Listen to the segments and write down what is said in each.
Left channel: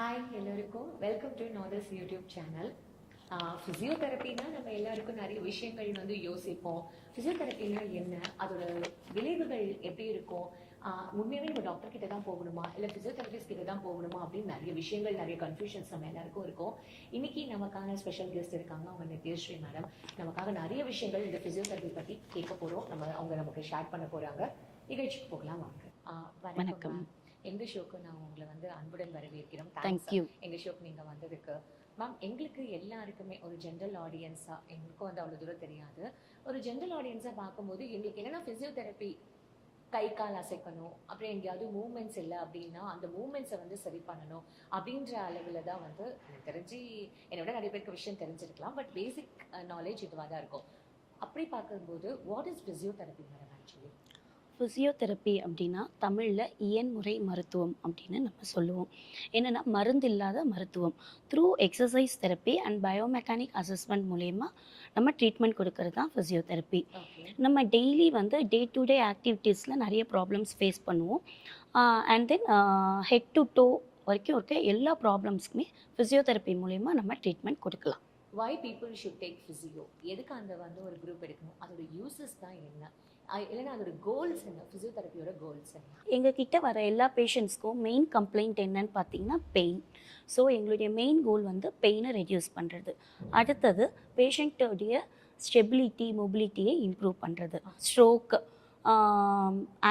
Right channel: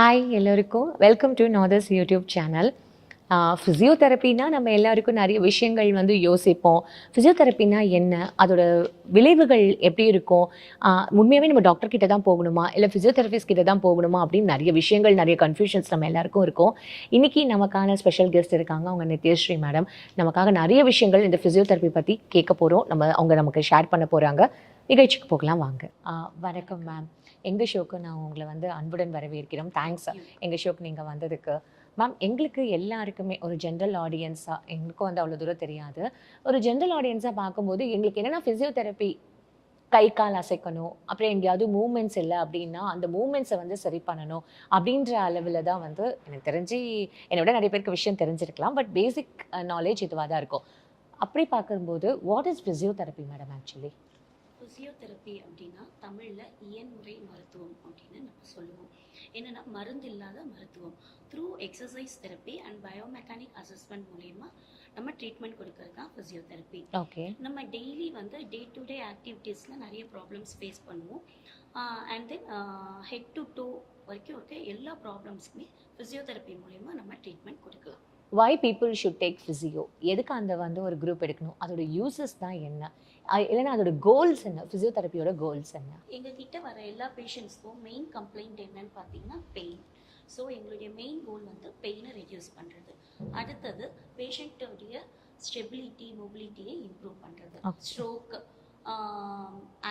Hi எல்லோருக்கும் welcome to நாதர்ஸ் YouTube channel. ஃபிசியோதெரப்பினா நம்ம எல்லாருக்கும் நிறைய விஷயங்கள் வந்து யோசிப்போம். ஃபிசியோதெரப்பினா என்ன? அதோட விளைவுகள் எப்படி இருக்கும்? உண்மையாகவே நம்ம டாக்டர் கிட்ட தான் போகணுமா? இல்லை ஃபிசியோதெரபிஸ்ட் கிட்ட தான் போகணுமா? அப்படின்னு நிறைய விஷயங்கள், நிறைய கன்ஃபியூஷன்ஸ் நம்ம எல்லாருக்கும் இருக்கும். இன்னைக்கு நமக்கான ஸ்பெஷல் கெஸ்ட் இருக்காங்க. அவங்க நித்யஸ்ரீ மேடம். நமக்காக நிறைய விஷயங்கள் இந்த ஃபிசியோதெரப்பி பற்றி கேட்க போகிறோம். அவங்க நமக்கு ஷேர் பண்ண போகிறாங்க. நிகழ்ச்சிக்கு போகலாம் வாங்க. வணக்கம் மேம். எங்கள் ஷோக்கு நான் உங்களை வந்து அன்புடன் வரவேற்கிறோம். தேங்க்ஸ் எங்கள் ஷோக்கு நீங்கள் வந்ததுக்கு. மேம், எங்களுக்கு எல்லாருக்குமே ஒரு ஜென்ரல் ஆடியன்ஸாக, எங்களுக்கும் வந்து அவ்வளோ தூரம் தெரியாது, ஒரு ஜென்ரல் ஆடியன்ஸாக பார்க்கும்போது எங்களுக்கு என்னென்னா ஃபிசியோதெரப்பி கை கால் அசைக்கணும், அப்புறம் எங்கேயாவது மூமெண்ட்ஸ் இல்லை அப்படின்னா அந்த மூமெண்ட்ஸை வந்து சரி பண்ணணும் அப்படின்ற அளவில் தான் வந்து எனக்கு தெரிஞ்சு, என்னை விட நிறைய பேருக்கு விஷயம் தெரிஞ்சிருக்கலாம், பட் பேசிக் நாலேஜ் இதுவாக தான் இருக்கும். அப்படி பார்க்கும்போது what is physiotherapy madam actually? Physiotherapy அப்படின்னா தமிழில் இயன்முறை மருத்துவம் அப்படின்னு நம்ம சொல்லுவோம். என்னென்னா மருந்து இல்லாத மருத்துவம். Through exercise therapy and biomechanic assessment மூலயமா நம்ம ட்ரீட்மெண்ட் கொடுக்கறது தான் ஃபிசியோதெரப்பி. ஓகே. நம்ம டெய்லி வந்து டே டு டே ஆக்டிவிட்டீஸில் நிறைய ப்ராப்ளம்ஸ் ஃபேஸ் பண்ணுவோம். And then head to toe வரைக்கும் இருக்க எல்லா ப்ராப்ளம்ஸ்க்குமே ஃபிசியோதெரப்பி மூலயமா நம்ம ட்ரீட்மெண்ட் கொடுக்கலாம். Why people should take physio? எதுக்கு அந்த வந்து ஒரு குரூப் எடுக்கணும்? அதோட யூசஸ் தான் என்ன? இல்லைன்னா அதோட கோல்ஸ் என்ன? ஃபிசியோதெரப்பியோட கோல்ஸ் என்ன? எங்கள் கிட்ட வர எல்லா பேஷண்ட்ஸ்க்கும் மெயின் கம்ப்ளைண்ட் என்னன்னு பார்த்தீங்கன்னா பெயின். ஸோ எங்களுடைய மெயின் கோல் வந்து பெயினை ரெடியூஸ் பண்ணுறது. அடுத்தது பேஷண்ட்டோடைய ஸ்டெபிலிட்டி, மொபிலிட்டியை இம்ப்ரூவ் பண்ணுறது. ஸ்ட்ரோக்,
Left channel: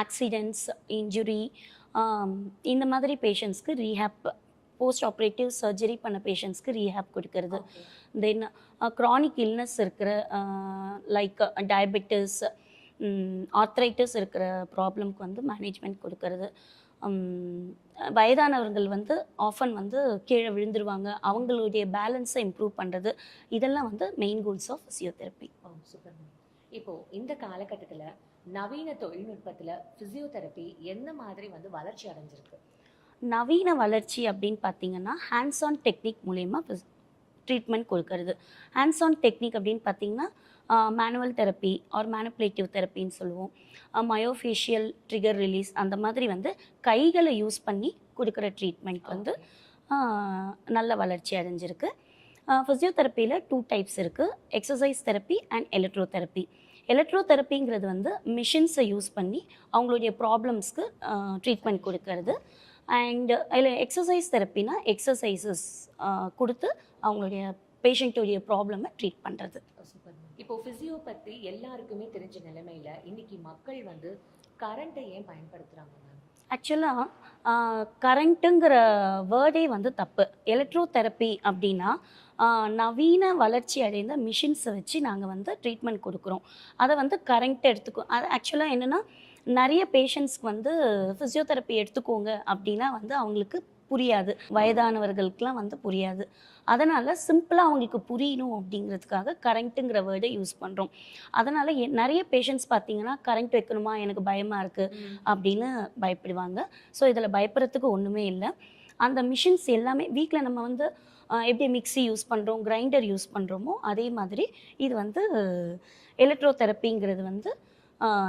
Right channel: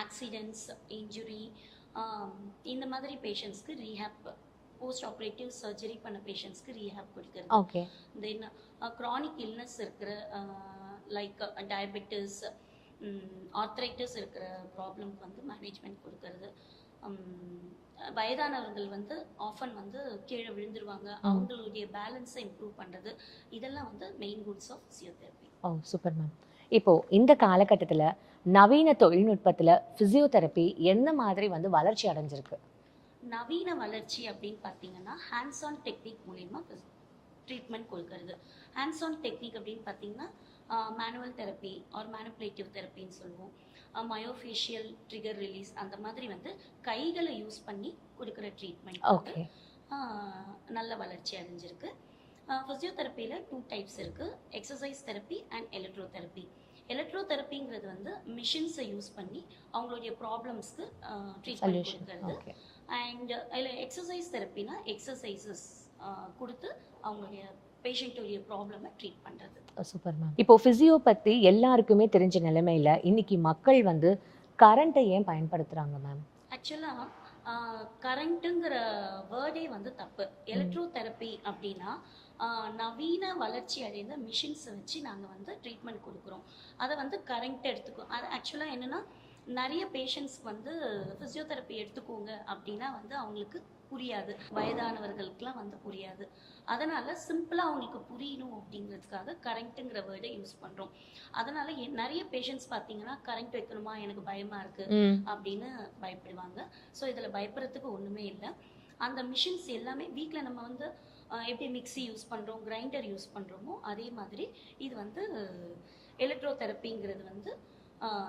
ஆக்சிடென்ட்ஸ், இன்ஜுரி, இந்த மாதிரி பேஷண்ட்ஸ்க்கு ரீஹேப், போஸ்ட் ஆப்ரேட்டிவ் சர்ஜரி பண்ண பேஷண்ட்ஸ்க்கு ரீஹேப் கொடுக்கறது. தென் க்ரானிக் இல்னஸ் இருக்கிற லைக் டயபெட்டிஸ், ஆர்த்ரைட்டிஸ் இருக்கிற ப்ராப்ளம்க்கு வந்து மேனேஜ்மெண்ட் கொடுக்கறது. வயதானவர்கள் வந்து ஆஃபன் வந்து கீழே விழுந்துருவாங்க, அவங்களுடைய பேலன்ஸை இம்ப்ரூவ் பண்ணுறது. இதெல்லாம் வந்து main goals of physiotherapy. Oh, super ma'am. இப்போது இந்த காலகட்டத்தில் நவீன தொழில்நுட்பத்தில் ஃபிசியோதெரப்பி எந்த மாதிரி வந்து வளர்ச்சி அடைஞ்சிருக்கு? நவீன வளர்ச்சி அப்படின்னு பார்த்தீங்கன்னா ஹேண்ட்ஸ் ஆன் டெக்னிக் மூலயமா ட்ரீட்மெண்ட் கொடுக்கறது. ஹேண்ட்ஸ் ஆன் டெக்னிக் அப்படின்னு பார்த்தீங்கன்னா மேனுவல் தெரப்பி ஆர் மேனிப்புலேட்டிவ் தெரப்பின்னு சொல்லுவோம். மயோஃபேஷியல் ட்ரிகர் ரிலீஸ், அந்த மாதிரி வந்து கைகளை யூஸ் பண்ணி கொடுக்குற ட்ரீட்மெண்ட் வந்து நல்ல வளர்ச்சி அடைஞ்சிருக்கு. ஃபிசியோதெரப்பியில் 2 டைப்ஸ் இருக்குது, எக்ஸசைஸ் தெரப்பி அண்ட் எலக்ட்ரோதெரப்பி. எலக்ட்ரோதெரப்பிங்கிறது வந்து மிஷின்ஸை யூஸ் பண்ணி அவங்களுடைய ப்ராப்ளம்ஸ்க்கு ட்ரீட்மெண்ட் கொடுக்கறது. அண்ட் அதில் எக்ஸசைஸ் தெரப்பினா எக்ஸசைசஸ் கொடுத்து அவங்களுடைய பேஷண்ட்டுடைய ப்ராப்ளமை ட்ரீட் பண்ணுறது. Super ma'am. இப்போது ஃபிசியோ பற்றி எல்லாருக்குமே தெரிஞ்ச நிலைமையில் இன்னைக்கு மக்கள் வந்து கரண்ட்டை ஏன் பயன்படுத்துகிறாங்க மேம்? ஆக்சுவலாக கரண்ட்டுங்கிற வேர்டே வந்து தப்பு. எலக்ட்ரோதெரப்பி அப்படின்னா நவீன வளர்ச்சி அடைந்த மிஷின்ஸை வச்சு நாங்கள் வந்து ட்ரீட்மெண்ட் கொடுக்குறோம். அதை வந்து கரண்ட் எடுத்துக்கோ, அது ஆக்சுவலாக என்னென்னா நிறைய பேஷண்ட்ஸ்க்கு வந்து ஃபிசியோதெரப்பி எடுத்துக்கோங்க அப்படின்னா வந்து அவங்களுக்கு புரியாது, வயதானவர்களுக்கெலாம் வந்து புரியாது. அதனால் சிம்பிளாக அவங்களுக்கு புரியணும் அப்படிங்கிறதுக்காக கரண்ட்டுங்கிற வேர்டை யூஸ் பண்ணுறோம். அதனால் நிறைய பேஷண்ட்ஸ் பார்த்தீங்கன்னா கரண்ட் வைக்கணுமா, எனக்கு பயமாக இருக்குது அப்படின்னு பயப்படுவாங்க. ஸோ இதில் பயப்படுறதுக்கு ஒன்றுமே இல்லை. அந்த மிஷின்ஸ் எல்லாமே வீட்டில் நம்ம வந்து எப்படி மிக்ஸி யூஸ் பண்ணுறோம், கிரைண்டர் யூஸ் பண்ணுறோமோ அதே மாதிரி இது வந்து எலக்ட்ரோதெரப்பிங்கிறது வந்து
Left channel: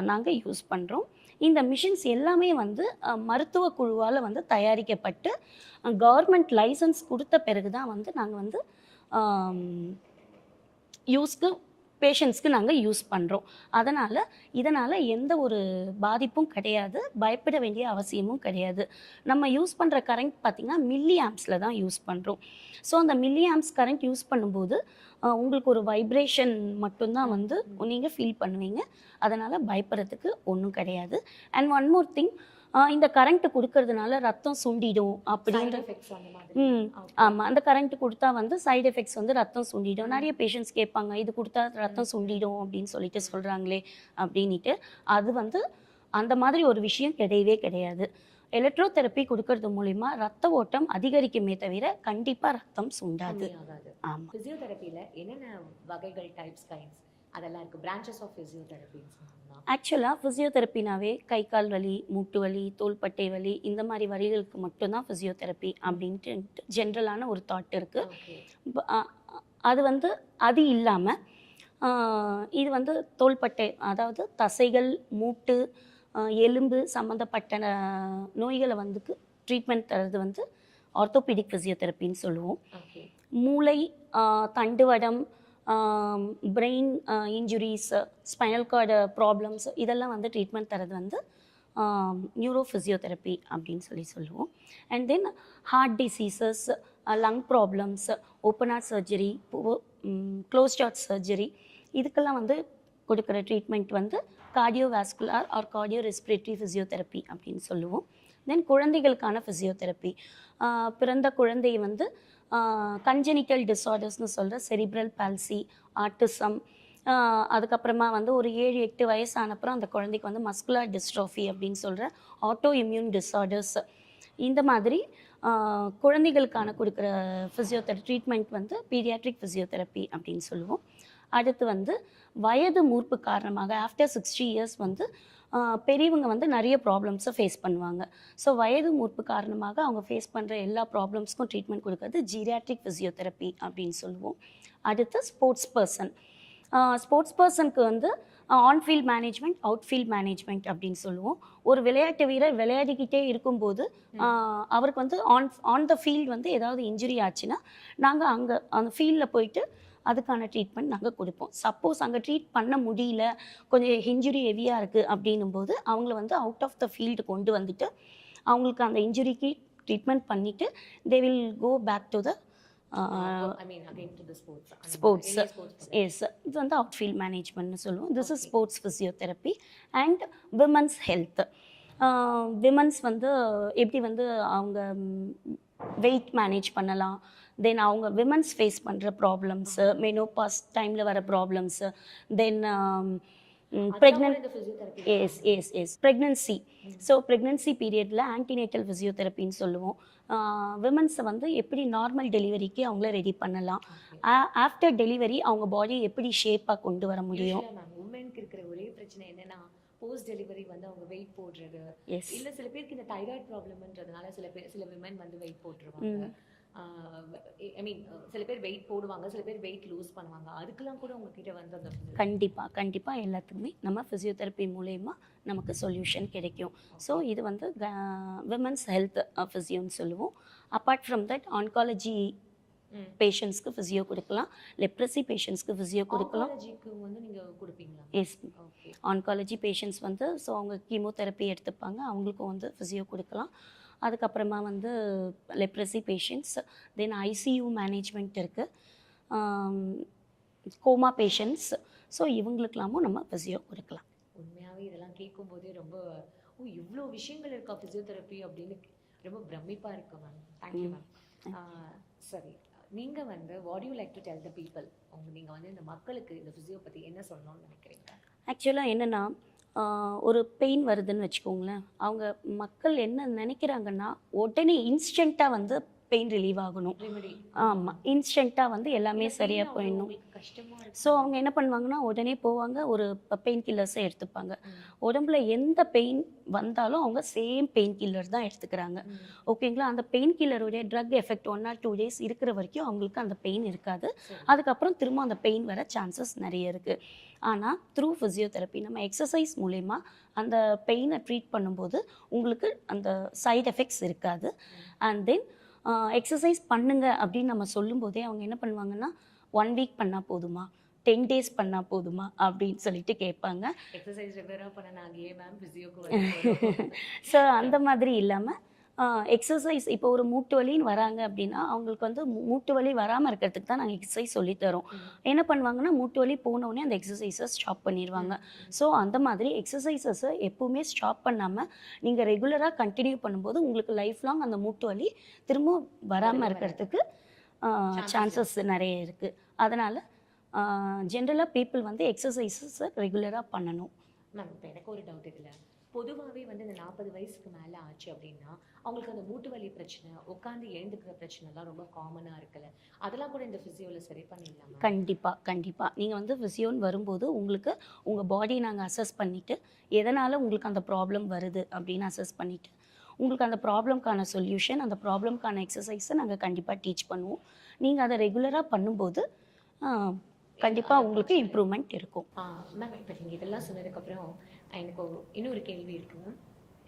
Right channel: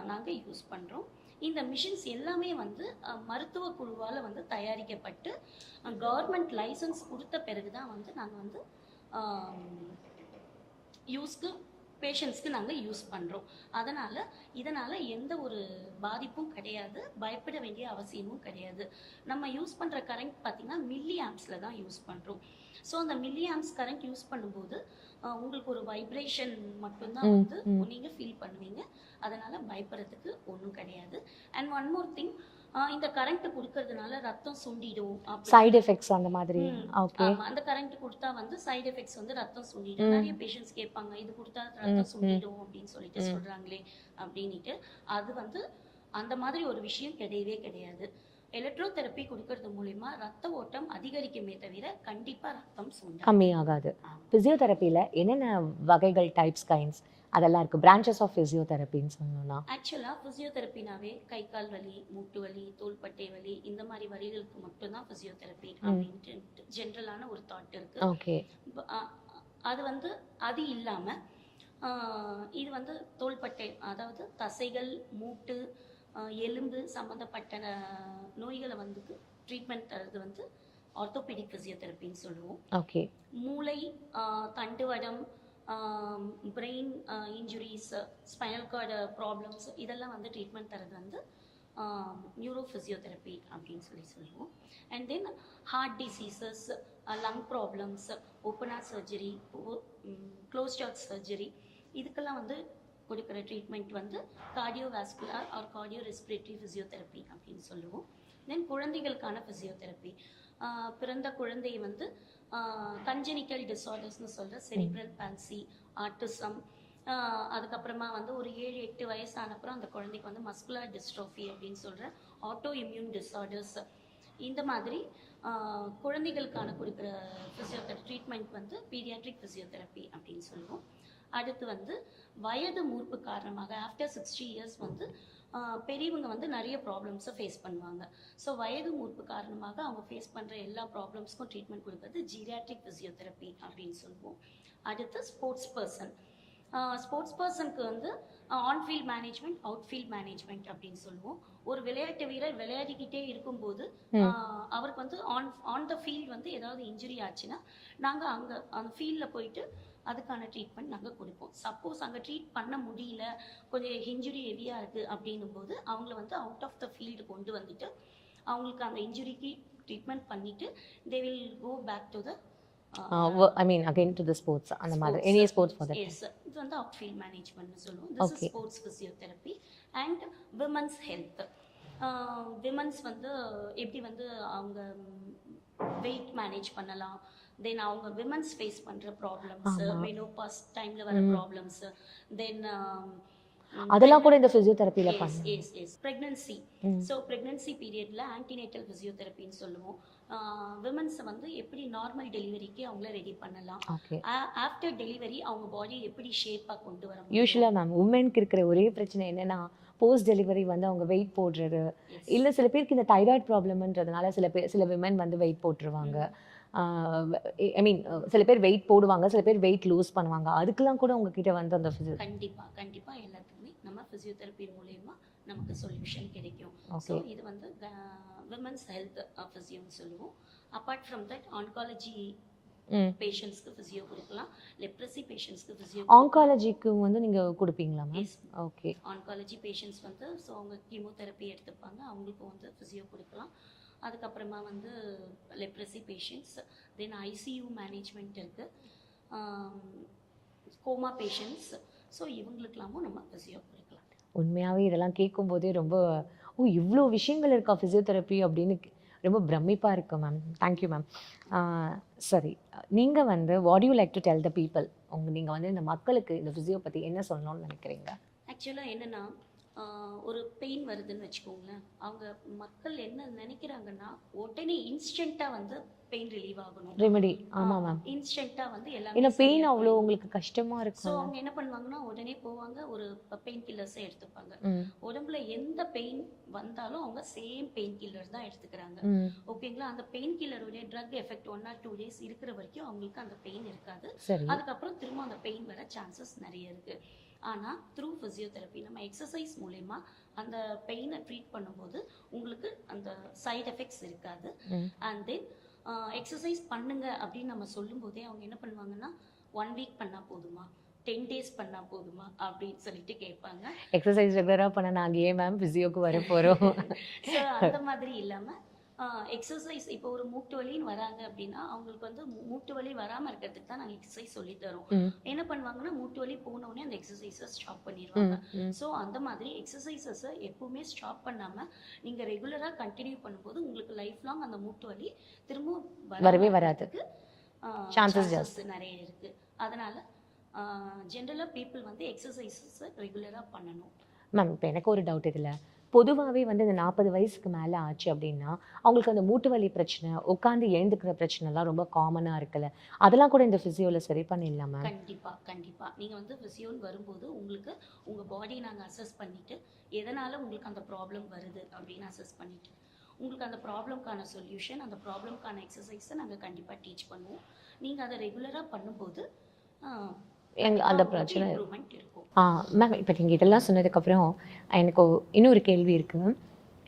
நாங்கள் யூஸ் பண்ணுறோம். இந்த மிஷின்ஸ் எல்லாமே வந்து மருத்துவ குழுவால் வந்து தயாரிக்கப்பட்டு கவர்மெண்ட் லைசன்ஸ் கொடுத்த பிறகு தான் வந்து நாங்கள் வந்து யூஸ்க்கு பேஷண்ட்ஸ்க்கு நாங்கள் யூஸ் பண்ணுறோம். இதனால் எந்த ஒரு பாதிப்பும் கிடையாது, பயப்பட வேண்டிய அவசியமும் கிடையாது. நம்ம யூஸ் பண்ணுற கரண்ட் பார்த்திங்கன்னா மில்லி ஆம்ஸில் தான் யூஸ் பண்ணுறோம். ஸோ அந்த மில்லி ஆம்ஸ் கரண்ட் யூஸ் பண்ணும்போது உங்களுக்கு ஒரு வைப்ரேஷன் மட்டும்தான் வந்து நீங்கள் ஃபீல் பண்ணுவீங்க. அதனால் பயப்படுறதுக்கு ஒன்றும் கிடையாது. அண்ட் ஒன் மோர் திங், இந்த கரண்ட் கொடுக்கறதுனால ரத்தம் சுண்டிடும் அப்படி சைடு எஃபெக்ட்ஸ் அந்த மாதிரி. ஆமாம், அந்த கரண்ட் கொடுத்தா வந்து சைடு எஃபெக்ட்ஸ் வந்து ரத்தம் சுண்டிடும். நிறைய பேஷண்ட்ஸ் கேட்பாங்க, இது கொடுத்தா ரத்தம் சுண்டிடும் அப்படின்னு சொல்லிட்டு சொல்கிறாங்களே அப்படின்ட்டு. அது வந்து அந்த மாதிரி ஒரு விஷயம் கிடையவே கிடையாது. எலக்ட்ரோதெரப்பி கொடுக்கறது மூலிமா ரத்த ஓட்டம் அதிகரிக்குமே தவிர கண்டிப்பாக ரத்தம் கம்மியாகாது. ஃபிசியோதெரப்பியில் என்னென்ன வகைகள், டைப்ஸ், கைண்ட்ஸ் அதெல்லாம் இருக்குது, பிரான்ச்சஸ் ஆஃப் ஃபிசியோதெரப்பின்னு சொன்னோம்னா? ஆக்சுவலாக ஃபிசியோதெரப்பினாவே கை கால் வலி, மூட்டு வலி, தோள்பட்டை வலி, இந்த மாதிரி வலிகளுக்கு மட்டும்தான் ஃபிசியோதெரப்பி அப்படின்ட்டு ஜென்ரலான ஒரு தாட் இருக்குது. ஓகே. அது வந்து அது இல்லாமல் இது வந்து தோள்பட்டை, அதாவது தசைகள், மூட்டு, எலும்பு சம்மந்தப்பட்ட நோய்களை வந்து ட்ரீட்மெண்ட் தரது வந்து ஆர்த்தோபீடிக் ஃபிசியோதெரப்பின்னு சொல்லுவோம். ஓகே. மூளை, தண்டுவடம், brain injuries, spinal cord problems இதெல்லாம் வந்து ட்ரீட்மெண்ட் தரது வந்து நியூரோ ஃபிசியோதெரப்பி அப்படின்னு சொல்லுவோம். And then heart diseases, lung problems, open heart surgery, closed heart surgery இதுக்கெல்லாம் வந்து கொடுக்குற ட்ரீட்மெண்ட் வந்து cardiovascular or cardio respiratory physiotherapy அப்படின்னு சொல்லுவோம். தென் குழந்தைகளுக்கான ஃபிசியோதெரப்பி, பிறந்த குழந்தையை வந்து கன்ஜெனிட்டல் டிஸார்டர்ஸ்னு சொல்கிற செரிப்ரல் பால்சி, ஆட்டிசம், அதுக்கப்புறமா வந்து ஒரு 7-8 வயசானப்புறம் அந்த குழந்தைக்கு வந்து மஸ்குலர் டிஸ்ட்ரோஃபி அப்படின்னு சொல்கிற ஆட்டோ இம்யூன் டிஸார்டர்ஸ், இந்த மாதிரி குழந்தைகளுக்கான கொடுக்குற ஃபிசியோதெரப்பி ட்ரீட்மெண்ட் வந்து பீடியாட்ரிக் ஃபிசியோதெரப்பி அப்படின்னு சொல்லுவோம். அடுத்து வந்து வயது மூர்ப்பு காரணமாக ஆஃப்டர் 60 இயர்ஸ் வந்து பெரியவங்க வந்து நிறைய ப்ராப்ளம்ஸை ஃபேஸ் பண்ணுவாங்க. ஸோ வயது மூர்ப்பு காரணமாக அவங்க ஃபேஸ் பண்ணுற எல்லா ப்ராப்ளம்ஸ்க்கும் ட்ரீட்மெண்ட் கொடுக்கறது ஜீரியாட்ரிக் ஃபிசியோதெரப்பி அப்படின்னு சொல்லுவோம். அடுத்து ஸ்போர்ட்ஸ் பர்சனுக்கு வந்து ஆன்ஃபீல்ட் மேனேஜ்மெண்ட், அவுட்ஃபீல்ட் மேனேஜ்மெண்ட் அப்படின்னு சொல்லுவோம். ஒரு விளையாட்டு வீரர் விளையாடிக்கிட்டே இருக்கும்போது அவருக்கு வந்து ஆன் த ஃபீல்டு வந்து ஏதாவது இன்ஜுரி ஆச்சுன்னா நாங்கள் அங்கே அந்த ஃபீல்டில் போயிட்டு அதுக்கான ட்ரீட்மெண்ட் நாங்கள் கொடுப்போம். சப்போஸ் அங்கே ட்ரீட் பண்ண முடியல, கொஞ்சம் இன்ஜுரி ஹெவியாக இருக்குது அப்படின்னும் போது அவங்கள வந்து அவுட் ஆஃப் த ஃபீல்டு கொண்டு வந்துட்டு அவங்களுக்கு அந்த இன்ஜுரிக்கு ட்ரீட்மெண்ட் பண்ணிவிட்டு they will go back to the I mean again to the sports அந்த மாதிரி any sports for that. Yes, இது வந்து அவுட்ஃபீல்ட் மேனேஜ்மெண்ட்னு சொல்லுவோம். This is sports physiotherapy. And women's health, women's வந்து எப்படி வந்து அவங்க வெயிட் மேனேஜ் பண்ணலாம், தென் அவங்க விமன்ஸ் ஃபேஸ் பண்ணுற ப்ராப்ளம்ஸ், மெனோபாஸ் டைமில் வர ப்ராப்ளம்ஸ், தென் அதெல்லாம் கூட இந்த ஃபிசியோதெரப்பில எஸ் ப்ரெக்னன்சி. ஸோ ப்ரெக்னன்சி பீரியடில் ஆன்டினேட்டல் ஃபிசியோதெரப்பின்னு சொல்லுவோம். விமன்ஸை வந்து எப்படி நார்மல் டெலிவரிக்கு அவங்கள ரெடி பண்ணலாம், ஆஃப்டர் டெலிவரி அவங்க பாடியை எப்படி ஷேப்பாக கொண்டு வர முடியும். யூஸ்வலாக மேம் உமனுக்கு இருக்கிற ஒரே பிரச்சனை என்னன்னா போஸ்ட் டெலிவரி வந்து அவங்க வெயிட் போடுறது, இல்லை சில பேருக்கு இந்த தைராய்டு ப்ராப்ளம்ன்றதுனால சில விமன் வந்து வெயிட் போட்டுருவாங்க. ஐ மீன் சில பேர் வெயிட் போடுவாங்க, சில பேர் வெயிட் லூஸ் பண்ணுவாங்க. அதுக்கெல்லாம் கூட உங்ககிட்ட வந்து அந்த கண்டிப்பாக எல்லாத்துக்குமே நம்ம ஃபிசியோதெரப்பி மூலயமா நமக்கு சொல்யூஷன் கிடைக்கும். ஸோ இது வந்து விமன்ஸ் ஹெல்த் ஃபிசியோன்னு சொல்லுவோம். அப்பார்ட் ஃப்ரம் தட் ஆன்காலஜி பேஷண்ட்ஸ்க்கு ஃபிசியோ கொடுக்கலாம், லெப்ரசி பேஷண்ட்ஸ்க்கு ஃபிசியோ. ஆன்காலஜிக்கு வந்து நீங்கள் கொடுப்பீங்களா? Yes, okay. ஆன்காலஜி பேஷண்ட்ஸ் வந்து ஸோ அவங்க கீமோதெரப்பி எடுத்துப்பாங்க, அவங்களுக்கும் வந்து ஃபிசியோ கொடுக்கலாம். அதுக்கப்புறமா வந்து leprosy patients, then ICU management இருக்குது, கோமா பேஷண்ட்ஸ். ஸோ இவங்களுக்கெல்லாமும் நம்ம ஃபிசியோ கொடுக்கலாம். உண்மையாகவே இதெல்லாம் கேட்கும்போதே ரொம்ப இவ்வளோ விஷயங்கள் இருக்கா ஃபிசியோதெரப்பி அப்படின்னு ரொம்ப பிரமிப்பாக இருக்கு மேம். Thank you ma'am. சரி, நீங்கள் வந்து what you like to tell the people, நீங்கள் வந்து இந்த மக்களுக்கு இந்த ஃபிசியோ பற்றி என்ன சொல்லணும்னு நினைக்கிறீங்க? ஆக்சுவலாக என்னென்னா ஒரு பெயின் வருதுன்னு வச்சுக்கோங்களேன், அவங்க மக்கள் என்ன நினைக்கிறாங்கன்னா உடனே இன்ஸ்டண்ட்டாக வந்து பெயின் ரிலீவ் ஆகணும், ரெமெடி. இன்ஸ்டண்ட்டாக வந்து எல்லாமே பெயின் அவ்வளோ உங்களுக்கு கஷ்டமாக இருக்கும். ஸோ அவங்க என்ன பண்ணுவாங்கன்னா உடனே போவாங்க, ஒரு பெயின் கில்லர்ஸை எடுத்துப்பாங்க. உடம்புல எந்த பெயின் வந்தாலும் அவங்க சேம் பெயின் கில்லர் தான் எடுத்துக்கிறாங்க. ஓகேங்களா? அந்த pain கில்லருடைய drug effect 1 or 2 days இருக்கிற வரைக்கும் அவங்களுக்கு அந்த பெயின் இருக்காது. அதுக்கப்புறம் திரும்ப அந்த பெயின் வர சான்சஸ் நிறைய இருக்குது. ஆனால் த்ரூ ஃபிசியோதெரப்பி நம்ம எக்ஸசைஸ் மூலயமா அந்த பெயினை ட்ரீட் பண்ணும்போது உங்களுக்கு அந்த சைட் எஃபெக்ட்ஸ் இருக்காது. அண்ட் தென் எக்ஸசைஸ் பண்ணுங்க அப்படின்னு நம்ம சொல்லும்போதே அவங்க என்ன பண்ணுவாங்கன்னா 1 week பண்ணால் போதுமா, 10 days பண்ணால் போதுமா அப்படின்னு சொல்லிட்டு கேட்பாங்க. எக்ஸசைஸ் ரெகுலராக பண்ண நாங்கள் ஏன் மேம் ஃபிசியோக்கு வர போகிறோம்? ஸோ அந்த மாதிரி இல்லாமல் எக்ஸசைஸ் இப்போ ஒரு மூட்டு வலின்னு வராங்க அப்படின்னா அவங்களுக்கு வந்து மூட்டு வலி வராமல் இருக்கிறதுக்கு தான் நாங்கள் எக்ஸசைஸ் சொல்லித்தரோம். என்ன பண்ணுவாங்கன்னா மூட்டு வலி போனோடனே அந்த எக்ஸசைஸை ஸ்டாப் பண்ணிடுவாங்க. ஸோ அந்த மாதிரி எக்ஸசைசஸை எப்பவுமே ஸ்டாப் பண்ணாமல் நீங்கள் ரெகுலராக கண்டினியூ பண்ணும்போது உங்களுக்கு லைஃப் லாங் அந்த மூட்டு வலி திரும்ப வராதுக்கு சான்சஸ் நிறைய இருக்குது. அதனால் ஜென்ரலாக பீப்புள் வந்து எக்ஸசைசஸை ரெகுலராக பண்ணணும். மேம், இப்போ எனக்கு ஒரு டவுட் இதில், பொதுவாகவே வந்து இந்த 40 வயசுக்கு மேலே ஆச்சு அப்படின்னா அவங்களுக்கு அந்த மூட்டு வலி பிரச்சனை, உட்காந்து எழுந்துக்கிற பிரச்சனைலாம் ரொம்ப காமனாக இருக்குல்ல, அதெல்லாம் கூட இந்த ஃபிசியோவில் சரி பண்ணிடலாமா? கண்டிப்பாக நீங்கள் வந்து ஃபிசியோன்னு வரும்போது உங்களுக்கு உங்கள் பாடியை நாங்கள் அசஸ் பண்ணிவிட்டு எதனால் உங்களுக்கு அந்த ப்ராப்ளம் வருது அப்படின்னு அசஸ் பண்ணிவிட்டு உங்களுக்கு அந்த ப்ராப்ளம்க்கான சொல்யூஷன், அந்த ப்ராப்ளம்க்கான எக்ஸசைஸை நாங்கள் கண்டிப்பாக டீச் பண்ணுவோம். நீங்கள் அதை ரெகுலராக பண்ணும்போது உங்களுக்கு இம்ப்ரூவ்மெண்ட் இருக்கும். மேம், இப்போ நீங்கள் இதெல்லாம் சொன்னதுக்கப்புறம் எனக்கு இன்னொரு கேள்வி இருக்குது.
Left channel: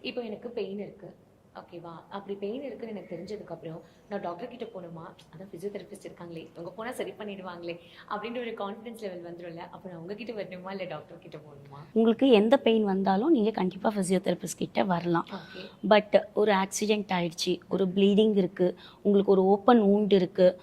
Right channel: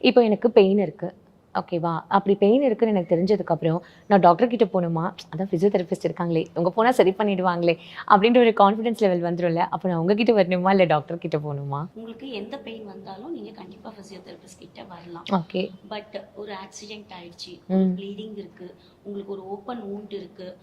இப்போ எனக்கு பெயின் இருக்குது, ஓகேவா? அப்படி பெயின் இருக்குன்னு எனக்கு தெரிஞ்சதுக்கப்புறம், நான் டாக்டர் கிட்ட போணுமா? அதான் ஃபிசியோதெரபிஸ்ட் இருக்காங்களே, இவங்க போனா சரி பண்ணிடுவாங்களே, அப்படின்ற ஒரு கான்ஃபிடன்ஸ் லெவல் வந்துரும்ல. அப்ப நான் உங்ககிட்ட வரணுமா? இல்ல டாக்டர் கிட்ட போணுமா? உங்களுக்கு எந்த பெயின் வந்தாலும் நீங்கள் கண்டிப்பாக ஃபிசியோதெரபிஸ்ட் கிட்ட வரலாம். ஓகே. பட் ஒரு ஆக்சிடென்ட் ஆயிடுச்சு, ஒரு ப்ளீடிங் இருக்குது, உங்களுக்கு ஒரு ஓப்பன் வூண்ட் இருக்குது,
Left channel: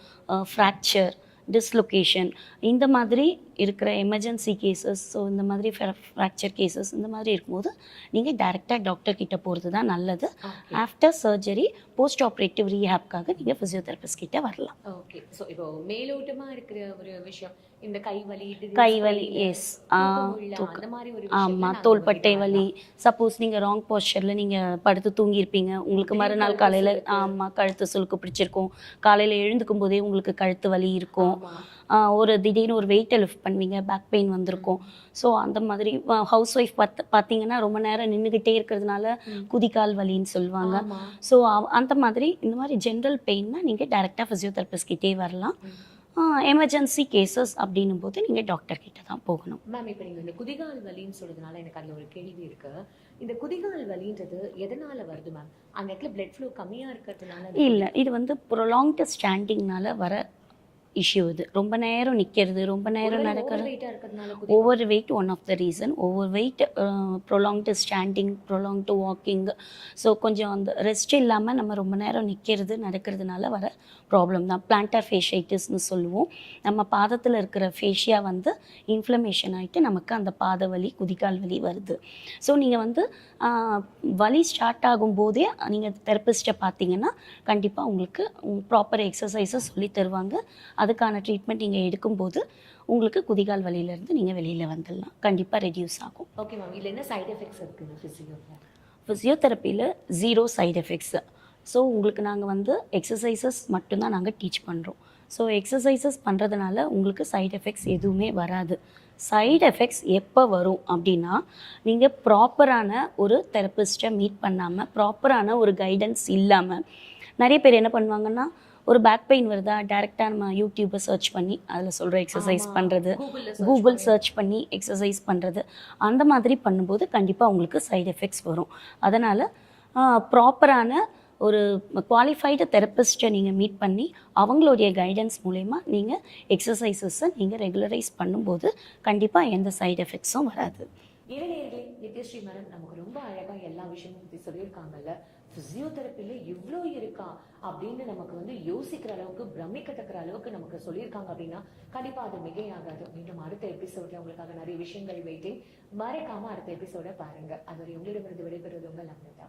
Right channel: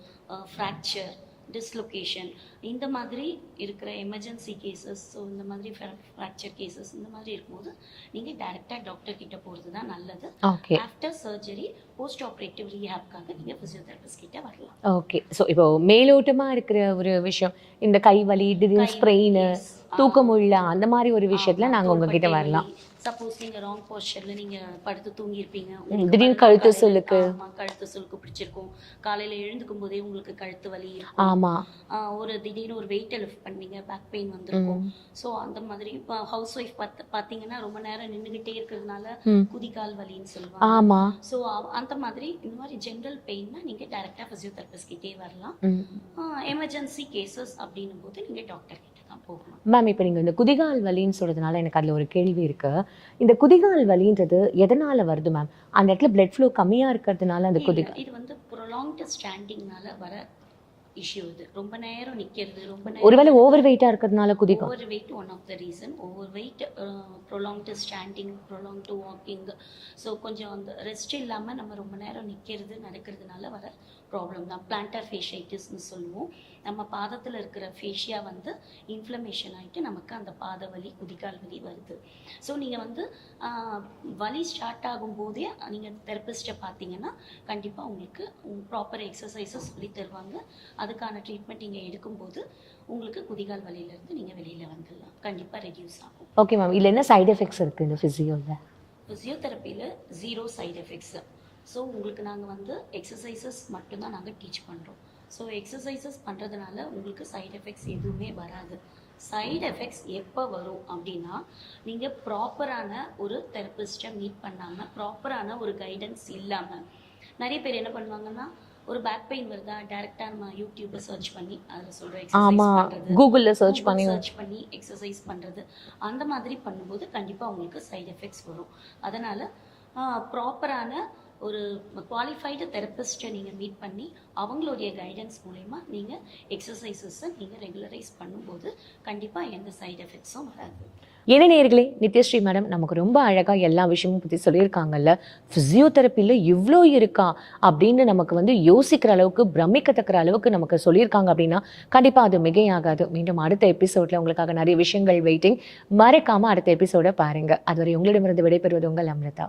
ஃப்ராக்சர், டிஸ்லொகேஷன், இந்த மாதிரி இருக்கிற எமர்ஜென்சி கேசஸ், ஸோ இந்த மாதிரி ஃப்ராக்சர் கேசஸ் இந்த மாதிரி இருக்கும்போது நீங்கள் டைரெக்டாக டாக்டர் கிட்ட போகிறது தான் நல்லது. Okay. After surgery post operative ரீஹேப்காக நீங்கள் ஃபிசியோதெரபிஸ்ட் கிட்ட வரலாம். ஓகே. ஸோ இப்போ மேலோட்டமா இருக்கிற ஒரு விஷயம், இந்த கை வலி, திடீர் ஸ்ப்ரெயின், yes. தூக்க முடியல, அந்த மாதிரி ஒரு விஷயத்துல ஆமா, நாங்க உங்ககிட்ட தோள்பட்டை வலி, வரலாம். சப்போஸ் நீங்க ராங் போஸ்டர்ல நீங்க படுத்து தூங்கியிருப்பீங்க, உங்களுக்கு திடீர்னு மறுநாள் கழுத்து காலையில சுளுக்கு. ஆமா கழுத்து சுளுக்கு பிடிச்சிருக்கும், காலையில எழுந்துக்கும் போதே உங்களுக்கு கழுத்து வலி இருக்கும், ஆமா. ஒரு திடீர்னு ஒரு வெயிட்டை லிஃப்ட் பண்ணுவீங்க, பேக் பெயின் வந்திருக்கும். ஸோ அந்த மாதிரி ஹவுஸ் ஒய்ஃப் பார்த்தீங்கன்னா ரொம்ப நேரம் நின்றுகிட்டே இருக்கிறதுனால குதிகால் வலின்னு சொல்லுவாங்க. ஆமா. ஸோ அந்த மாதிரி இந்த மாதிரி ஜென்ரல் பெயின்னா நீங்கள் டைரெக்டாக ஃபிசியோதெரபிஸ்ட் கிட்டே வரலாம். எமர்ஜென்சி கேசஸ் அப்படின்னும் போது நீங்கள் டாக்டர் கிட்ட தான் போகணும். மேம், இப்போ நீங்க இந்த குதிகால் வலின்னு சொல்றதுனால எனக்கு அதுல ஒரு கேள்வி இருக்கு. இந்த குதிகால் வலின்றது எதனால வருது மேம்? அந்த இடத்துல பிளட் ஃப்ளோ கம்மியா இருக்கிறதுனால அந்த குதி இல்லை, இது வந்து ப்ரொலாங்டு ஸ்டாண்டிங்னால வர இஷ்யூ. இது ரொம்ப நேரம் நிற்கிறது, ரொம்ப நேரம் ஒருவேளை ஓவர் வெயிட்டா இருக்கிறதுனால குதிகால். Over weight one of the reason. Over weight, prolonged standing, prolonged walking, so கொஞ்சம் அந்த ரெஸ்ட் இல்லாமல் நம்ம ரொம்ப நேரம் நிற்கிறது நடக்கிறதுனால வர ப்ராப்ளம் தான். பிளான்டார் ஃபேஷைட்டிஸ்னு சொல்லுவோம். நம்ம பாதத்தில் இருக்கிற ஃபேஷியா வந்து இன்ஃப்ளமேஷன் ஆகிட்டு நமக்கு அந்த பாத வலி, குதிகால் வலி வருது. ஸோ நீங்கள் வந்து வலி ஸ்டார்ட் ஆகும்போதே நீங்கள் தெரப்பிஸ்ட்டை பார்த்தீங்கன்னா கண்டிப்பாக உங்களுக்கு ப்ராப்பர் எக்ஸசைஸை சொல்லி தருவாங்க. அதுக்கான ட்ரீட்மெண்ட் நீங்கள் எடுக்கும்போது உங்களுக்கு குதிகால் வலியிலேருந்து நீங்கள் வெளியில் வந்துடலாம். கண்டிப்பாக ரெடியூஸ் ஆகும். Okay ma'am. இதுல என்ன சைடு எஃபெக்ட்ஸ் இருக்கு இந்த ஃபிசியோல? ஃபிசியோதெரப்பியில் 0 சைடு எஃபெக்ட்ஸு. ஸோ உங்களுக்கு நாங்கள் வந்து எக்ஸசைசஸ் மட்டும்தான் நாங்கள் டீச் பண்ணுறோம். ஸோ எக்ஸசைசஸ் பண்ணுறதுனால உங்களுக்கு சைடு எஃபெக்ட்ஸ் எதுவுமே வராது. சைடு எஃபெக்ட்ஸ் எப்போ வரும் அப்படின்னா, நீங்கள் ப்ராப்பரான ஒரு தெரப்பிஸ்ட்டை மீட் பண்ணாமல், ப்ராப்பரான ஒரு கைடன்ஸ் இல்லாமல், நிறைய பேர் என்ன பண்ணுவாங்கன்னா, ஒரு பேக் பெயின் வருதா, டைரெக்டாக நம்ம யூடியூப்பை சர்ச் பண்ணி அதில் சொல்கிற எக்ஸசைஸ் பண்ணுறது, கூகுள்ல சர்ச் பண்ணி எக்ஸசைஸ் பண்ணுறது, அந்த மாதிரி பண்ணும்போது கண்டிப்பாக உங்களுக்கு சைடு எஃபெக்ட்ஸ் வரும். அதனால் ப்ராப்பரான ஒரு குவாலிஃபைடு தெரப்பிஸ்ட்டை நீங்கள் மீட் பண்ணி அவங்களுடைய கைடன்ஸ் மூலயமா நீங்கள் எக்ஸசைசஸை நீங்கள் ரெகுலரைஸ் பண்ணும்போது கண்டிப்பாக எந்த சைடு எஃபெக்ட்ஸும் வராது. என்ன நேயர்களே, நித்யஸ்ரீ மேடம் நமக்கு ரொம்ப அழகா எல்லா விஷயமும் பற்றி சொல்லியிருக்காங்கல்ல. ஃபிசியோதெரப்பியில் இவ்வளோ இருக்கா அப்படின்னு நமக்கு வந்து யோசிக்கிற அளவுக்கு, பிரமிக்கத்தக்கிற அளவுக்கு நமக்கு சொல்லியிருக்காங்க அப்படின்னா கண்டிப்பாக அது மிகையாகாது. மீண்டும் அடுத்த எபிசோடில் உங்களுக்காக நிறைய விஷயங்கள் வெயிட்டிங். மறக்காமல் அடுத்த எபிசோடை பாருங்கள். அதுவரை உங்களிடமிருந்து விடைபெறுவது உங்கள் அம்ரிதா.